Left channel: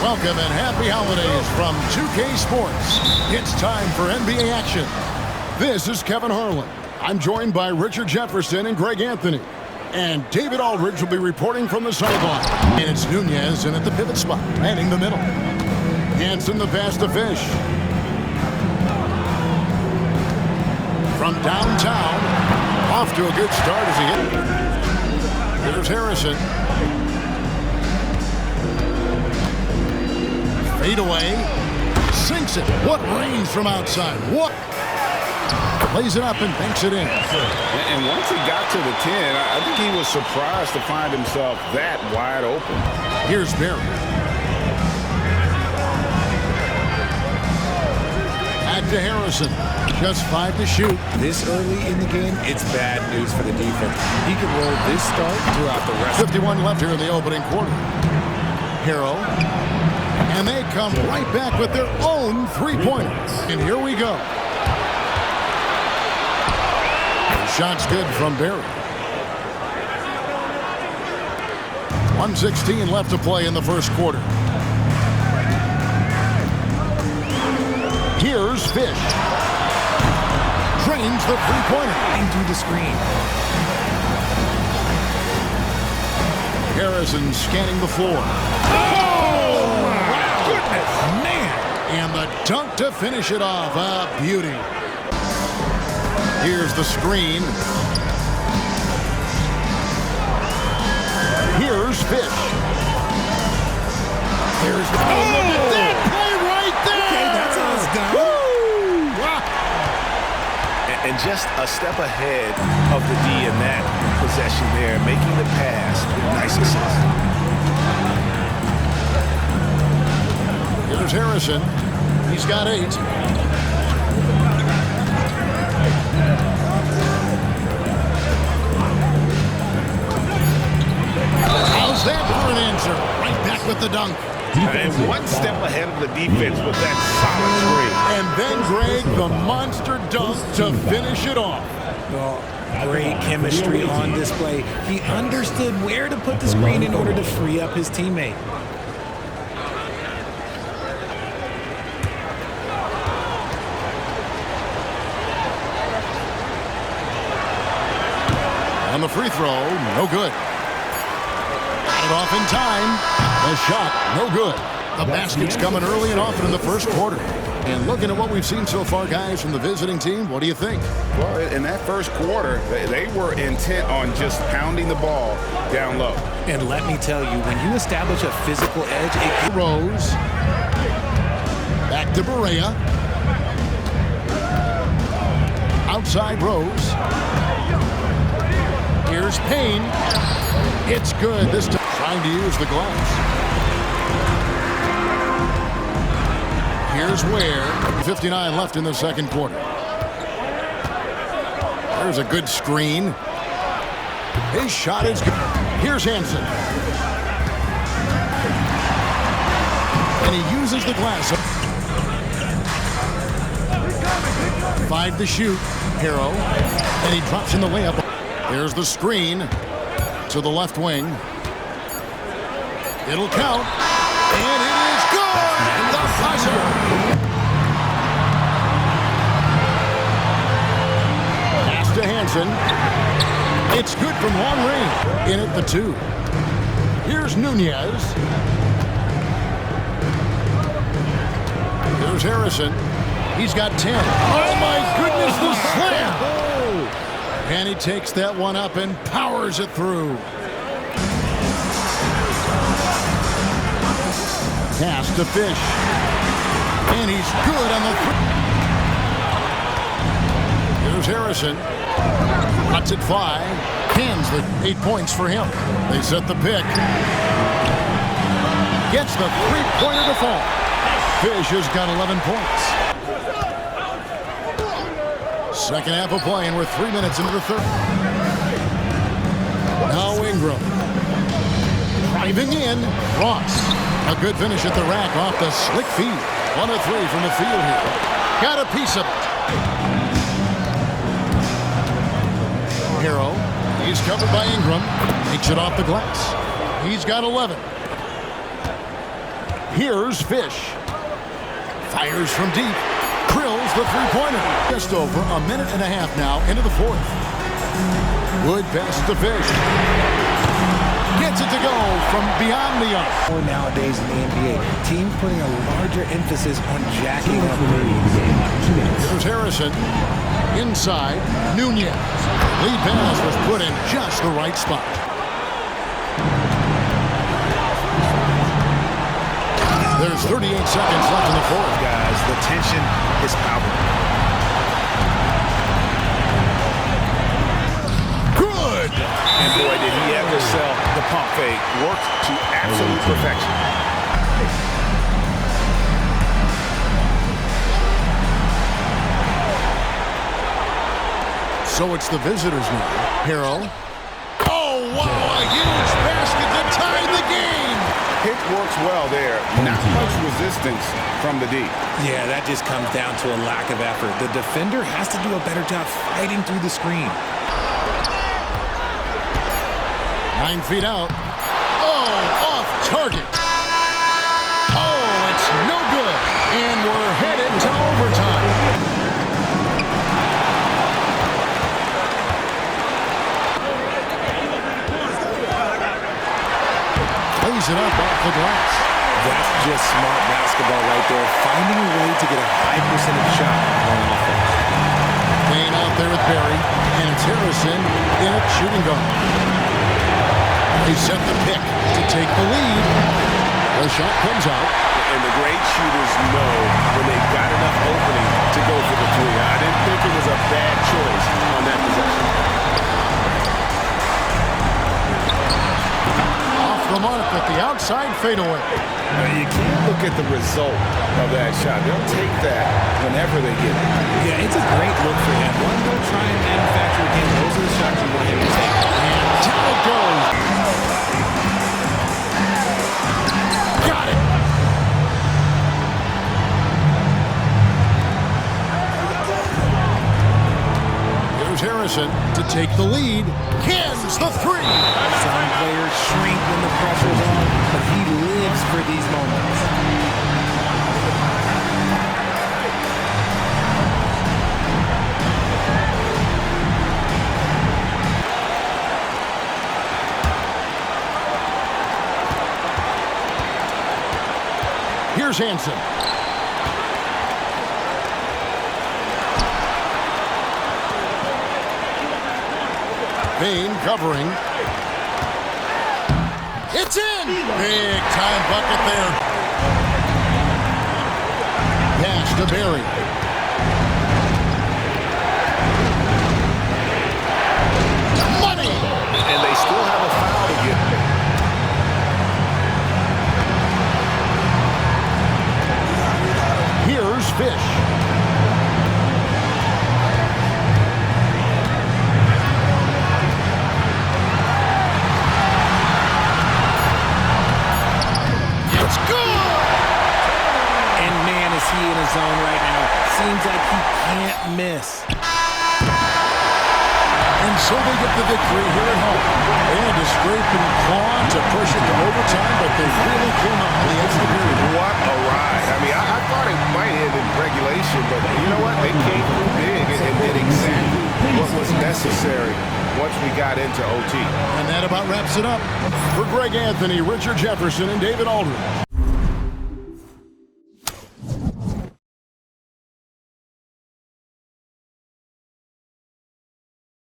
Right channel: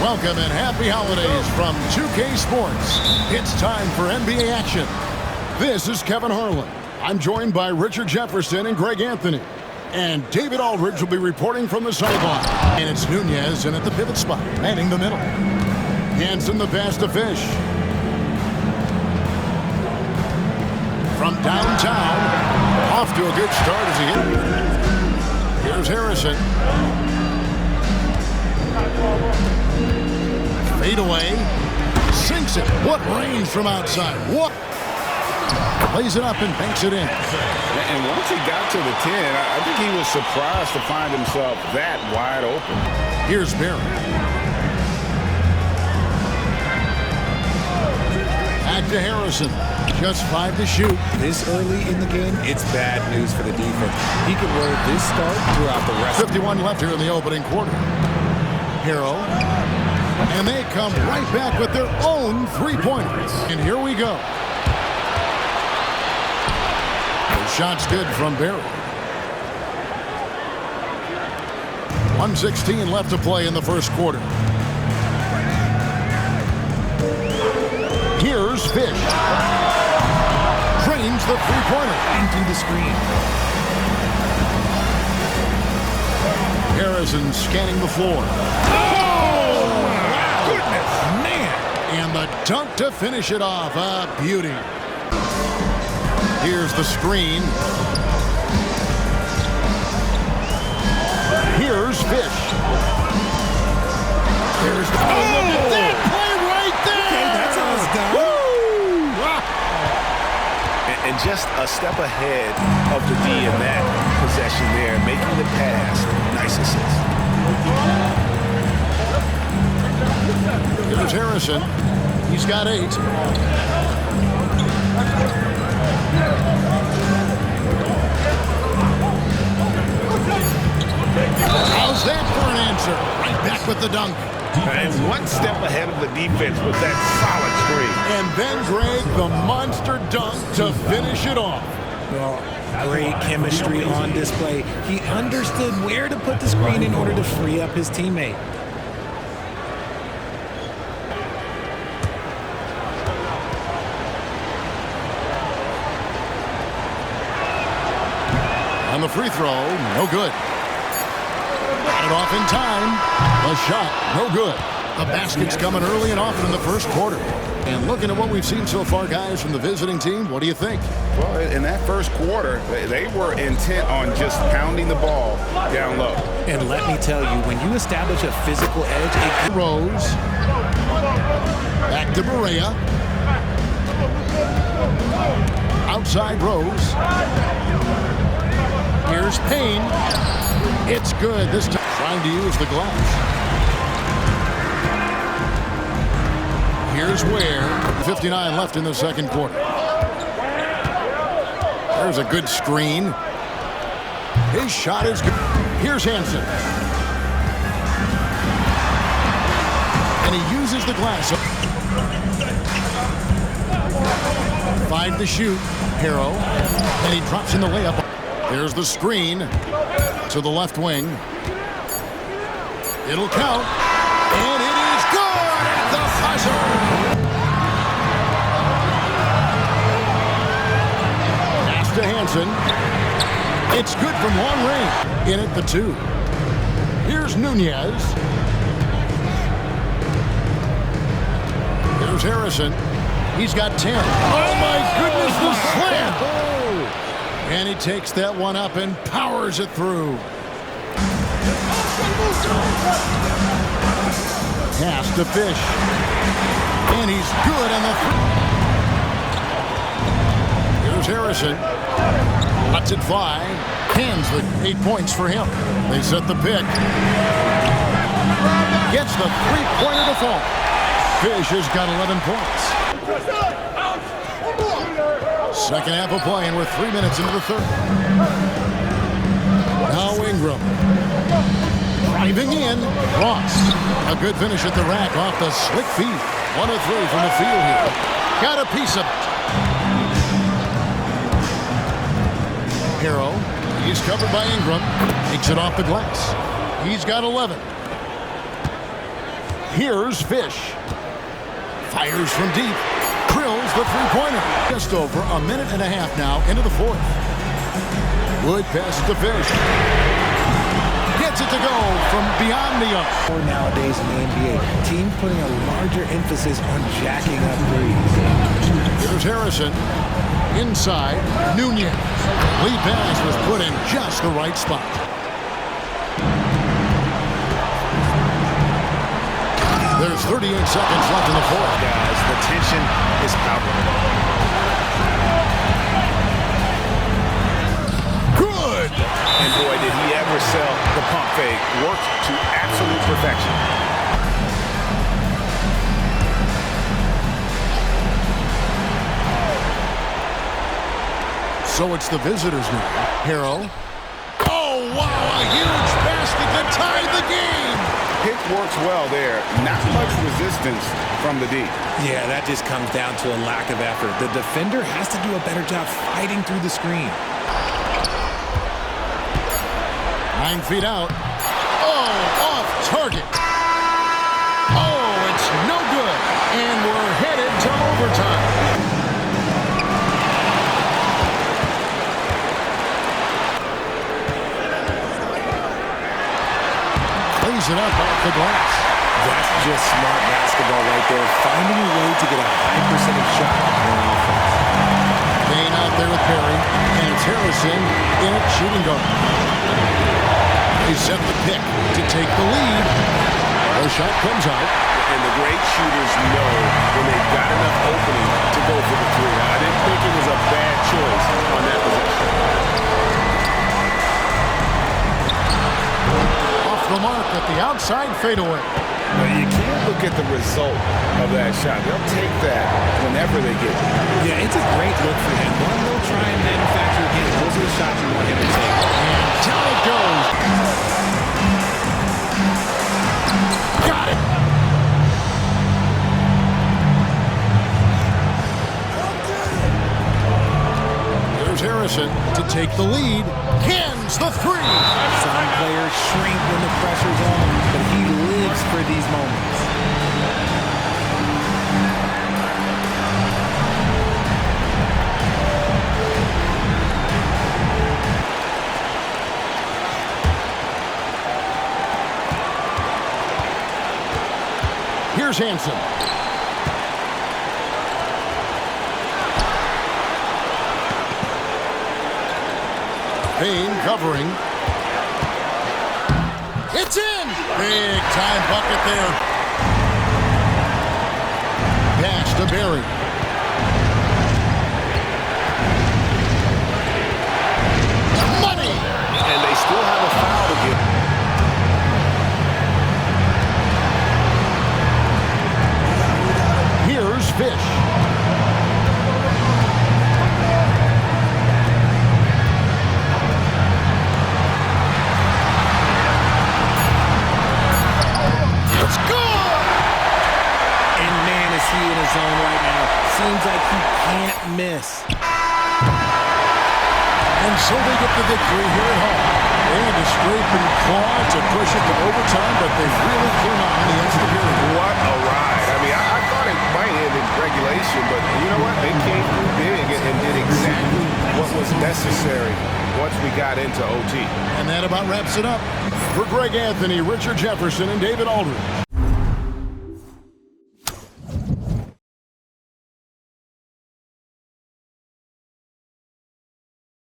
Welcome and happy holidays from 2K Sports. It's time for NBA action. This is Kevin Harlan. I'm joined by Richard Jefferson and Greg Anthony. And David Aldridge will be reporting from the sideline. And it's Nunez in at the pivot spot, manning the middle. Hanson the pass to Fish. From downtown, off to a good start as he hit. Here's Harrison. Fade away. Sinks it. What range from outside. What? Lays it up and banks it in. And once he got to the 10, I think he was surprised to find himself that wide open. Here's Barry. Back to Harrison. Just 5 to shoot. This early in the game, it's bad news for the defense. He can roll this start throughout the rest. 51 left here in the opening quarter. Harrell. And they come right back with their own three-pointers. And here we go. The shot's good from Barry. 1:16 left to play in the first quarter. Here's Fish. Drains the three-pointer. Into the screen. Harrison scanning the floor. Goodness, man. And the dunk to finish it off. A beauty. Here's the screen. Here's Fish. There's the... Oh, look at that play right there. Okay, that's how it's done. Woo! And just a step ahead of the D in that possession there, making the pass. Nice assist. Here's Harrison. He's got 8. How's that for an answer? Right back with the dunk. And one step ahead of the defense with that solid screen. And then, Greg, the monster dunk to finish it off. Well, great chemistry on display. He understood where to put the screen in order to free up his teammate. On the free throw, no good. Got it off in time. The shot, no good. The basket's coming early and often in the first quarter. And looking at what we've seen so far, guys, from the visiting team, what do you think? Well, in that first quarter, they were intent on just pounding the ball down low. And let me tell you, when you establish a physical edge, it Rose. Back to Berea. Outside Rose. Here's Payne. It's good this time. Trying to use the glass. Here's Ware. 59 left in the second quarter. There's a good screen. His shot is good. Here's Hanson. And he uses the glass. 5 to shoot. Harrow. And he drops in the layup. There's the screen to the left wing. It'll count. And it is good at the buzzer. Pass to Hanson. It's good from long range. In at the 2. Here's Nunez. Here's Harrison. He's got 10. Oh, my goodness, the slam. And he takes that one up and powers it through. Pass to Fish. And he's good on the 3. Here's Harrison. Lets it fly. Hands the 8 points for him. They set the pick. Gets the three-pointer to fall. Fish has got 11 points. Second half of play, and we're 3 minutes into the third. Now Ingram. Driving in. Ross. A good finish at the rack off the slick feed. 1 of 3 from the field here. Got a piece of it. Harrow. He's covered by Ingram. Takes it off the glass. He's got 11. Here's Fish. Fires from deep. Drills the three-pointer. Just over a minute and a half now into the fourth. Wood passes to Fish. Gets it to go from beyond the arc. Or nowadays in the NBA, teams putting a larger emphasis on jacking up threes. Here's Harrison. Inside, Nunez. Lead pass was put in just the right spot. There's 38 seconds left in the fourth. Guys, the tension is palpable. Good! And boy, did he ever sell the pump fake. Worked to absolute perfection. So it's the visitors now. Harrell. Oh, wow, a huge basket to tie the game! Pick works well there. Not much resistance from the D. Yeah, that just comes down to a lack of effort. The defender has to do a better job fighting through the screen. 9 feet out. Oh, off target. Oh, it's no good. And we're headed to overtime. Plays it up off the glass. That's just smart basketball right there, finding a way to get a high percentage shot on offense. Payne out there with Barry, and it's Harrison in at shooting guard. They set the pick to take the lead. The shot comes out. And the great shooters know when they've got enough opening to go for the three. I didn't think it was a bad choice on that possession. Off the mark at the outside fadeaway. Well, you can't look at the result of that shot. They'll take that whenever they get it. Yeah, it's a great look for him. One they'll try and manufacture again. Those are the shots you want him to take. And down it goes. Got it. Here's Harrison to take the lead. Cans the three. Some players shrink when the pressure's on, but he lives for these moments. Here's Hansen. Payne covering. It's in! Big time bucket there. Pass to Barry. Money! And they still have a foul to get. Here's Fish. It's good! And man, is he in his zone right now. Seems like he can't miss. And so they get the victory here at home. They had to scrape and claw to push it to overtime, but they really came on in the extra period. What a ride. I mean, I thought it might end in regulation, but you know what? They came through big and did exactly what was necessary once we got into OT. And that about wraps it up. For Greg Anthony, Richard Jefferson, and David Aldridge.